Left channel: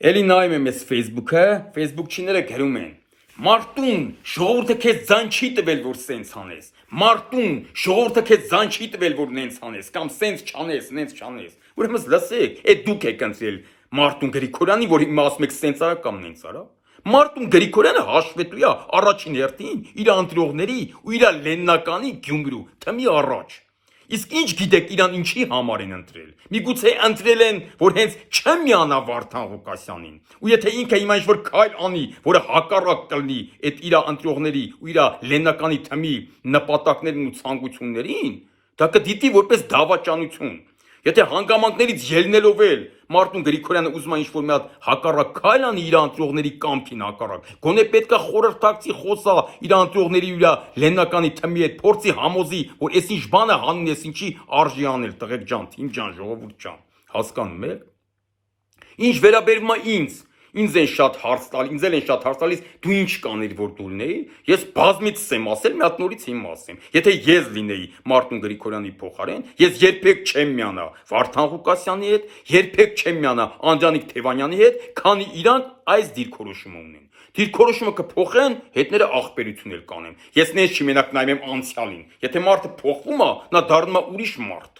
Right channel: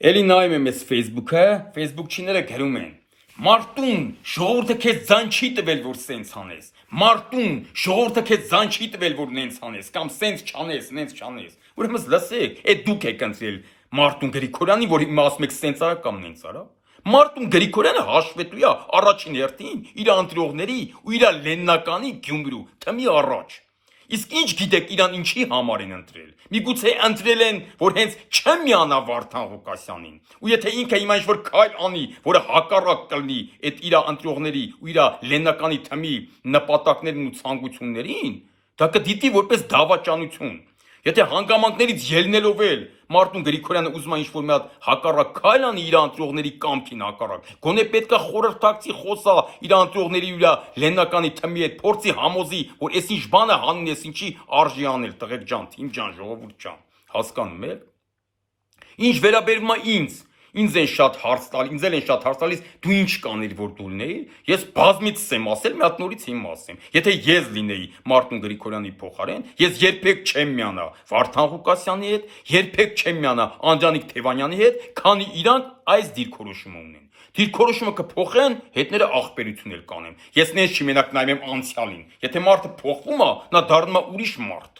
Էլի նայում եմ ես Facebook-ը, Facebook-չիները գրում են. Մարտուն, ժողովուրդը քեզ ձայն չի տվել, որ սենց անես։ Մարտուն, ժողովուրդը քեզ ձայն չի տվել, որ նենց անես, կամ սենց չանես, նենց չանես։ Ուրեմն լսեք, այդ դուք եք ընտրել Մարտուն Գրիգորյանի, որ հիմա ասում եք սենց արա կամ նենց արա։ Մարտուն Գրիգորյանը հաշվետու է առաջին հերթին իր ընտրողների ու իր Լեննականի Գյումրու թմի առաջ։ Իսկ ինչ գիտեք իրան ինչի համար են ընտրել։ Միգուցե ընտրել են, որ հենց չեմ միանա Վարդան Ղուկասյանին։ Ու եթե ինքը հիմա ինչ-որ քայլ անի, որը հակառակ կլինի այդ իր ընտրողների ու իր Լեննականի թմի նպատակներին ու ցանկություններին, դա կդիտի որպես դավաճանություն։ Եթե հանգամանքներից ելնելով էլ Մարտուն Գրիգորյանը ուզում է ինչ-որ մի հատ հակառակ քայլ անի իր ընտրողների կամքին հակառակ, գոնե պետք է խորհրդակցի խոսա իր ընտրողների ու իր Լեննականի թմի հետ փորձի համոզի, որ այս ինչ բանը հանուն ես ինչի արժի անել, տղեկ ջան, թիմ ջան, ժողովուրդ ջան, հասկանում եք։ Ինչ վերաբերում է ինձ են շատ հարց տալիս, ինձ են շատ հարց տալիս, դու ինչ կաներ որ դու լինեի, ես բազմից եմ ասել, մի հատ նորից հիմա ասեմ, եթե ես լինեի Մարտուն Գրիգորյանի փոխարեն, ես երբեք չեմ միանա Վարդան Ղուկասյանի հետ, երբեք չեմ միանա Անդրանիկ Թևանյանի հետ, քանի իրանք այս դիրքորոշումը ունեն։ Դիրքորոշումը կփոխեն, հետները աղբերություն էլ կանեն։ Ես նենց չի մենակ նայում եմ անցյալին։ Եթե մարդը փոխվում է, նա դառնում է ուրիշ մարդ։